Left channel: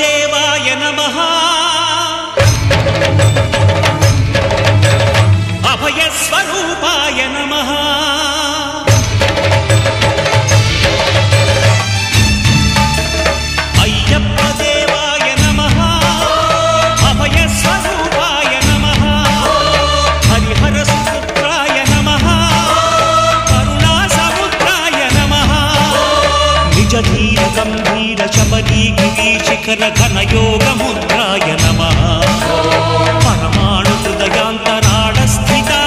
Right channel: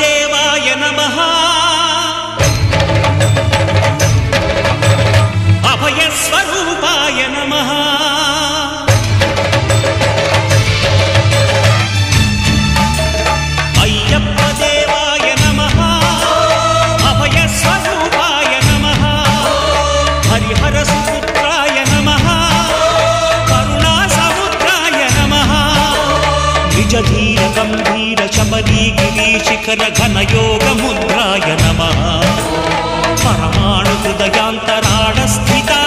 देवाय नमः अभयस्वरूपाय नमः अय्यप्प देवाय नमः अभयस्वरूपाय नमः हरिहरसुपुत्राय नमः करुणासमुद्राय नमः निजधीर गंभीर शबरी गिरीशिखर घनयोगमुद्राय नमः परमाणु हृदयांतराळ स्थिता